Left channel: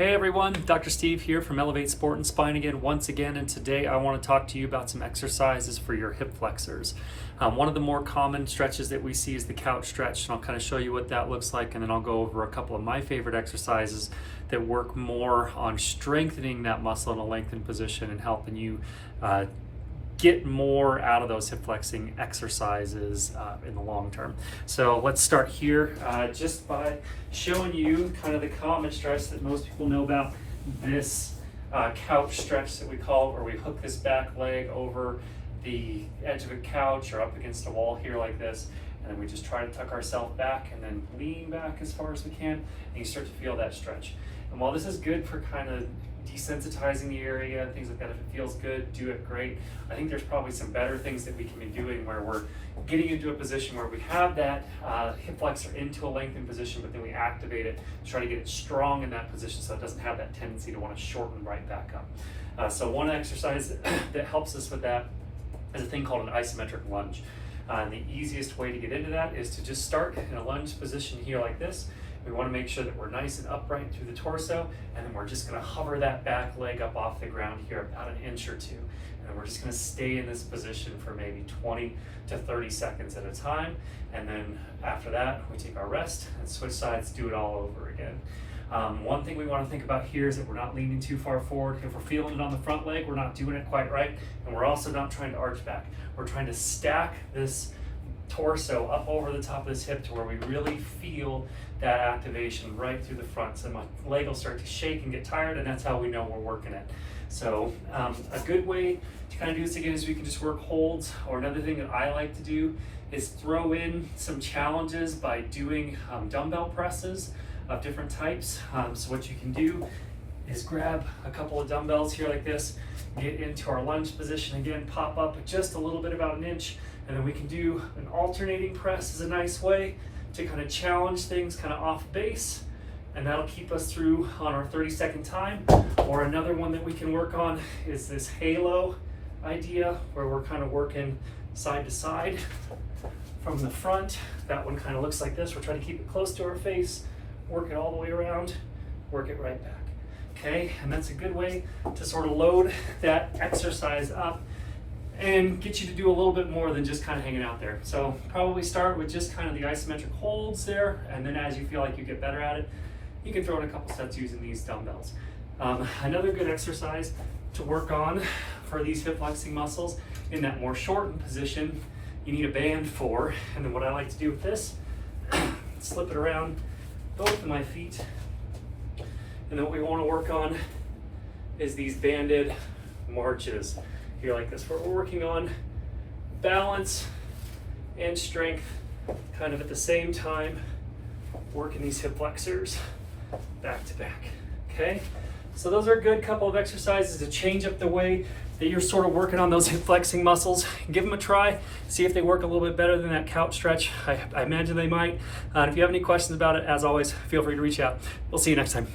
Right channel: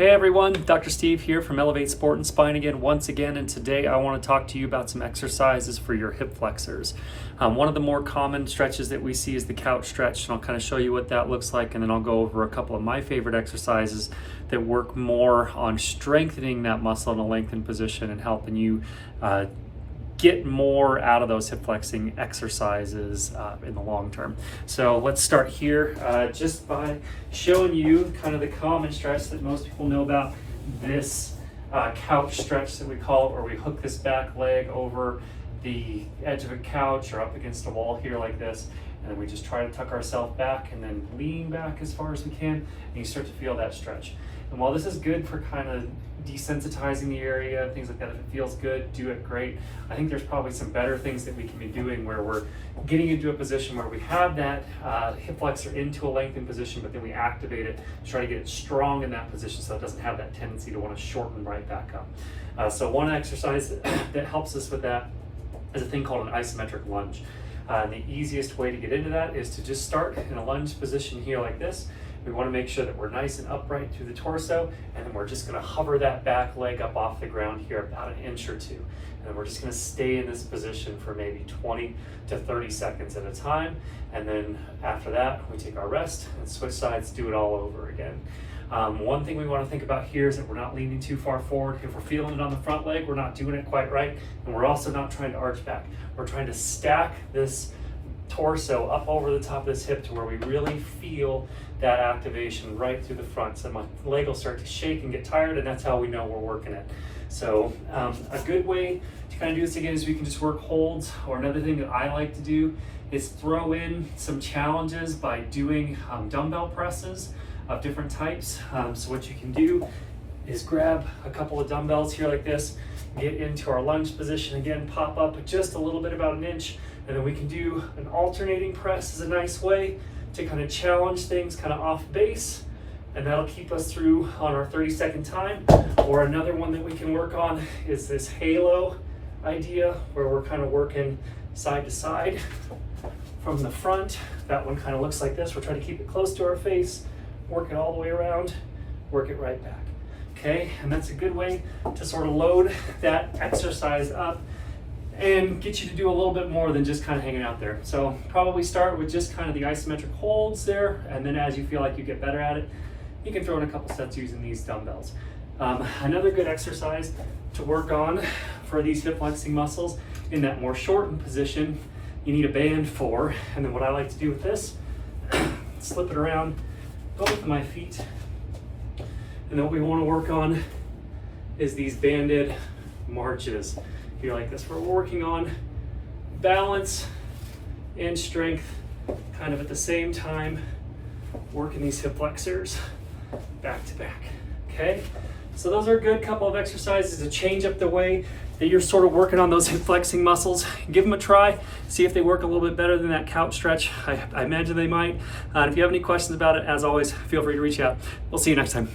Hey everyone, Dr. Steve here from Elevate Sport and Spine once again, and today I want to talk to you about some exercises for your hip flexors. One of the more common stretches that we see is the couch stretch, and I'll kind of show you what that looks like, and then I'll go over a couple of my favorite exercises that work more on strengthening that muscle in a lengthened position and helping you get more out of those hip flexing exercises in the long term. So let's start here just by showing you kind of the common stretch that most people know about, this couch stretch that we call it, where we hook this back leg over the edge of a couch or up against a wall here like this, and then we just try to tuck ourselves back and then lean back as far as we can, and you start to feel that stretch. And while this is good for kind of desensitizing the area, things like that, if it feels good, do it, great. I think there's probably some better things that we can be doing where we're getting into a position where we have that hip flexor into a lengthened position, but then we activate it, try to get it strong in that position so it doesn't have that tendency to want to shorten right back up. So one exercise that helps us with that is a thing called an isometric lunge. And the easiest way to get into that is to just start in a lunge position here like this. We want to make sure that we're nice and upright through the torso, and then we're just going to hover that back leg up off the ground here about an inch or two. And then we're just going to stay in this position for maybe 20 to 30 seconds at a time. And then after that, we take our rest and switch sides, do it all over again. One thing we want to think about here is that we're not leaning too far forward. If we're feeling it on the front leg, we're not doing it quite right. And we're also not trying to arch back. We're trying to stack this torso up over the top of this hip to where we really feel that activation right through the front. So my leg will start to shake and get tired, and that's how we know we're working it. So a good way to kind of do this again is we can just work holds, or another thing that I like to do is throw in some challenges by doing dumbbell presses of different types. So what you can do is grab a couple of dumbbells here like this, get into our lunge position again, pop up just a little bit, about an inch, and then we can do an alternating press as a nice way to kind of challenge things kind of off base, and that'll keep us through on our 30-second time. Or another one that we can work on is this halo idea, where we're kind of working side to side from the front. That one kind of looks like this. We're trying to keep it close to our face, work it all the way around, work it right back. Okay, and that's a good way to sort of load that exercise up and get you to do a little bit more than just kind of hanging out there. So probably start with just kind of the isometric holds there, and then as you feel like you get better at it, you can throw in a couple sets using these dumbbells. Another good exercise to work on for these hip flexing muscles in that more shortened position, you need a band for, and then what I like to do with this, slip it around both of my feet, and then what we want to work on is these banded marches here like this, where we're working on balance and strength kind of at the same time, working these hip flexors back to back. Okay, so those are a good couple of exercises to change up the way that you're sort of working on those hip flexing muscles. Give them a try, see if they work a little bit better than that couch stretch. I imagine they might. If you have any questions about it, as always, feel free to reach out. We'll see you next time.